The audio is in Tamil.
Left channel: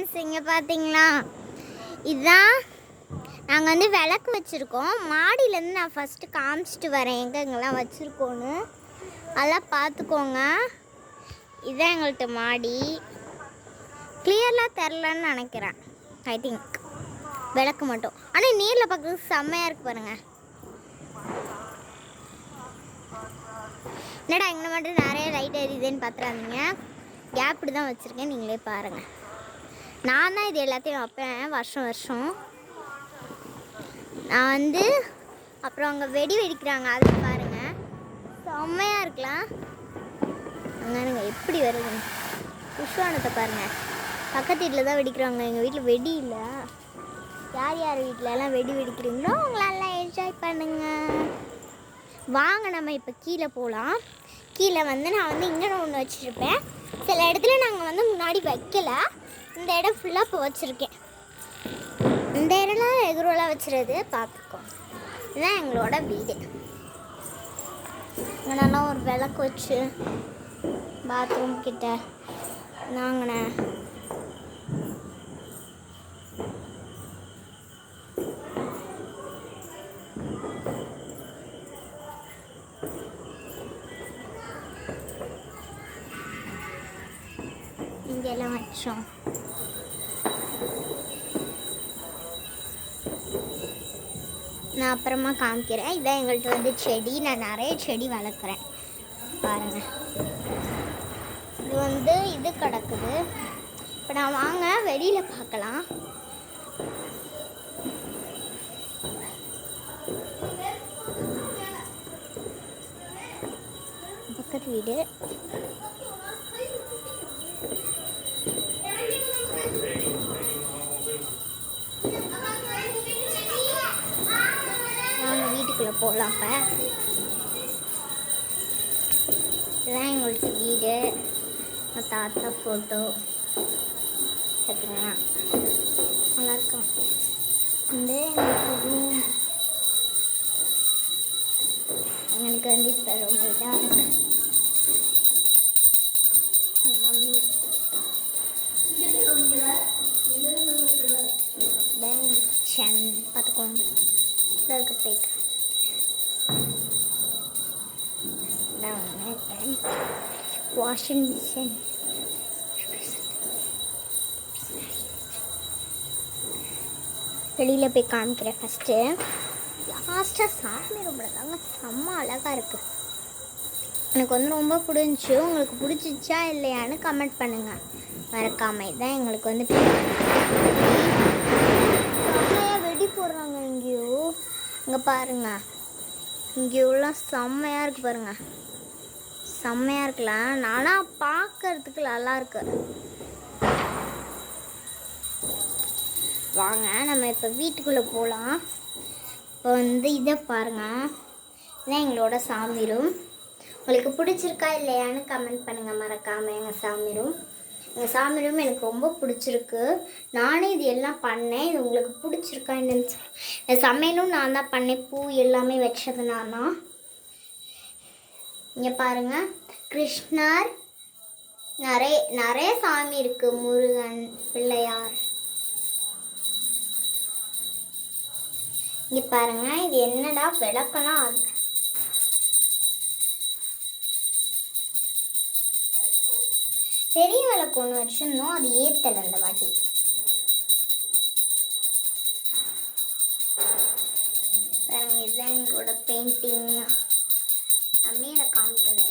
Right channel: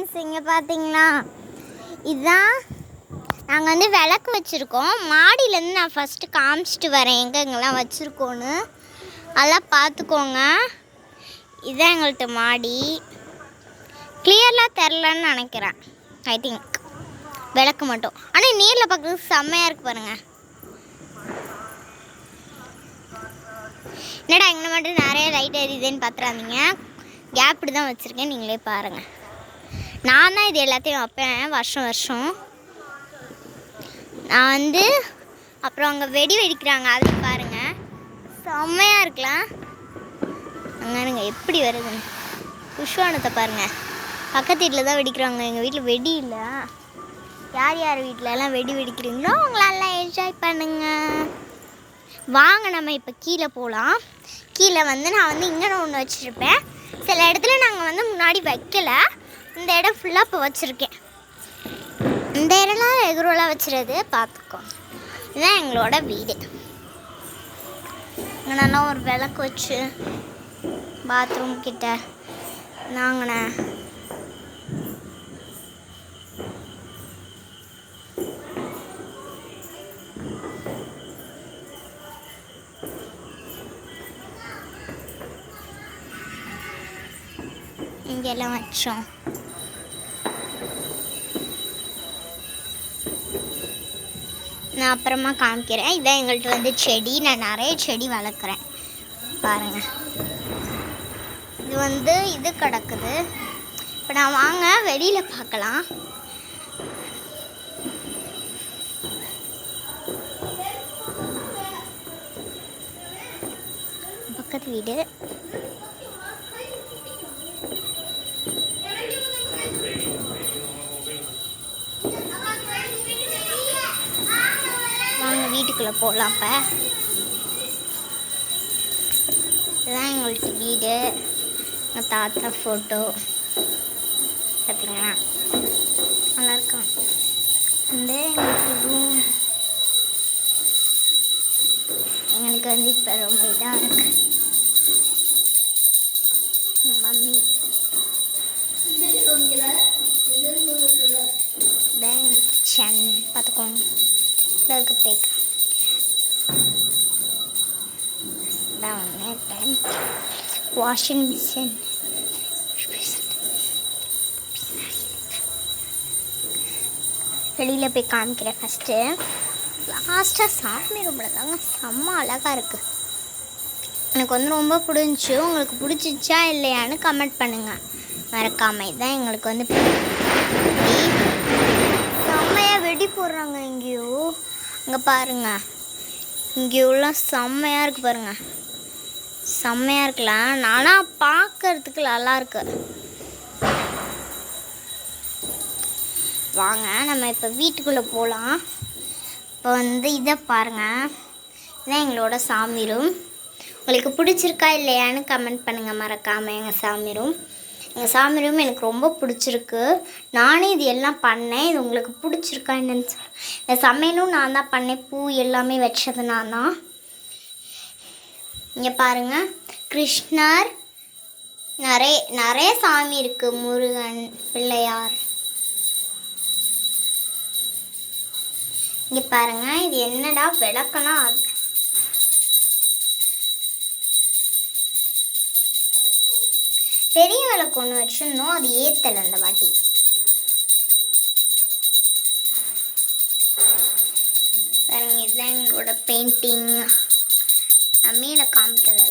ஃப்ரெண்ட்ஸ், இங்கே பார்த்தீங்களா, இதுதான் நாங்கள் வந்து விளக்கு வச்சுருக்கோம். மாடியிலேருந்து நான் ஃபஸ்ட்டு காமிச்சிட்டு வரேன் எங்கெங்கெல்லாம் வச்சுருக்கோன்னு. அதெல்லாம் பார்த்துக்கோங்க. இதுதான் எங்கள்கிட்ட மாடி. கிளியர்லாம் தெரிலன்னு நினைக்கிறேன். ஐ திங்க் விளக்கு மட்டும். ஆனால் நேரில் பார்க்குறதுக்கு செம்மையாக இருக்குது பாருங்கள். என்னடா இங்கே மட்டும் நிறைய லைட் எரியுதுன்னு பார்த்துறாதீங்க. கேப்டு தான் வச்சுருக்கேன், நீங்களே பாருங்கள். நான் தான் இது எல்லாத்தையும் வைப்பேன் வருஷம் வருஷம். நான் வந்து அப்புறம் அங்கே வெடி வெடிக்கிறாங்க, அதில் பாருங்கள் செம்மையாக இருக்கலாம். அங்கே எப்படி வருதுன்னு புஷ்வானத்தை பாருங்கள். பக்கத்து வீட்டில் தான் வெடிக்கிறாங்க, எங்கள் வீட்டில் வெடி இல்லை. யார் யார் வீட்டிலலாம் வெடி வெடிக்கிறீங்களோ அவங்களெல்லாம் என்ஜாய் பண்ணுங்க. வாங்க நம்ம இப்போ கீழே போகலாம். கீழே வந்து நான் வந்து இங்கே ஒன்று வச்சுருப்பேன். சில இடத்துல நாங்கள் வந்து முன்னாடி வைக்கலை. இந்த இடம் ஃபுல்லாக இப்போ வச்சுருக்கேன். இந்த இடம்லாம் ரெகுலராக வச்சுருது, பார்த்துக்கோ. இதுதான் எங்களோட வீடு. இங்கே நல்லா ஒரு விளக்கு வச்சு பாத்ரூம் கிட்ட நாங்கண்ணே இங்கெல்லாம் வச்சோம். நான் அப்புறமா காமிக்கிறேன். இதான் எங்கள்கிட்ட வந்து செடி. நான் நிறைய செடி வளர்க்குறேன் பாருங்கள். இது வந்து இது கிடக்குது. இப்போ நான் வாங்க வெளியில் பார்க்கலாம். பக்கத்து வீடு. வாங்க வீட்டுக்குள்ளே போகலாம். இப்போ இதுதான் எங்களுக்கு வீடு. எங்கள் தாத்தா ஃபோட்டோ பார்த்தீங்களா, நல்லாயிருக்கும். வந்து எங்களுக்கு ரூம் எங்களுக்கு வந்து இப்போ ரொம்ப இதாக இருக்கு. மம்மி பேங்க் கிச்சன் பார்த்துக்கோங்க. இருக்க பேக் தான் ஒன்று. வாஷிங் மிஷின் வெளியில் போய் காமிக்கிறேன். ஃபஸ்ட்டு லாஸ்ட்டாக சாமி ரூமில் தாங்க செம்ம அழகாக இருக்குது. எனக்கு வந்து ரொம்ப பிடிச்சி. உங்களுக்கு பிடிச்சிச்சா இல்லையான்னு கமெண்ட் பண்ணுங்கள் மறக்காம. இதுதான் எங்களுக்கு வந்து செம்மையாக வெடி போடுறாங்க எங்கேயோ. இங்கே பாருங்கள், இங்கேயோலாம் செம்மையாக இருக்குது பாருங்கள். செம்மையாக இருக்கலாம். நானாக பார்க்கறதுக்கு நல்லாயிருக்கு. வாங்க நம்ம இப்போ வீட்டுக்குள்ளே போகலாம். இப்போ வந்து இதை பாருங்கள், இதுதான் எங்களோட சாமி ரூம். உங்களுக்கு பிடிச்சிருக்கா இல்லையான்னு கமெண்ட் பண்ணுங்கள் மறக்காமல். எங்கள் சாமி ரூம் எனக்கு ரொம்ப பிடிச்சிருக்கு. நானே இது எல்லாம் பண்ணேன். இது உங்களுக்கு பிடிச்சிருக்கா என்னன்னு இந்த சமையலும் நான் தான் பண்ணேன். பூ எல்லாமே வச்சது நான் தான். இங்கே பாருங்கள், கிருஷ்ணர், நிறைய சாமி இருக்குது. முருகன், பிள்ளையார். இங்கே பாருங்கள், இது என்னடா விளக்கெல்லாம் அது பெரிய விளக்கு ஒன்று வச்சுருந்தோம், அது ஏற்றலை அந்த வாட்டி. பாருங்க, இதுதான் எங்களோட பெயிண்டிங். நான் மேலே காமிக்கல.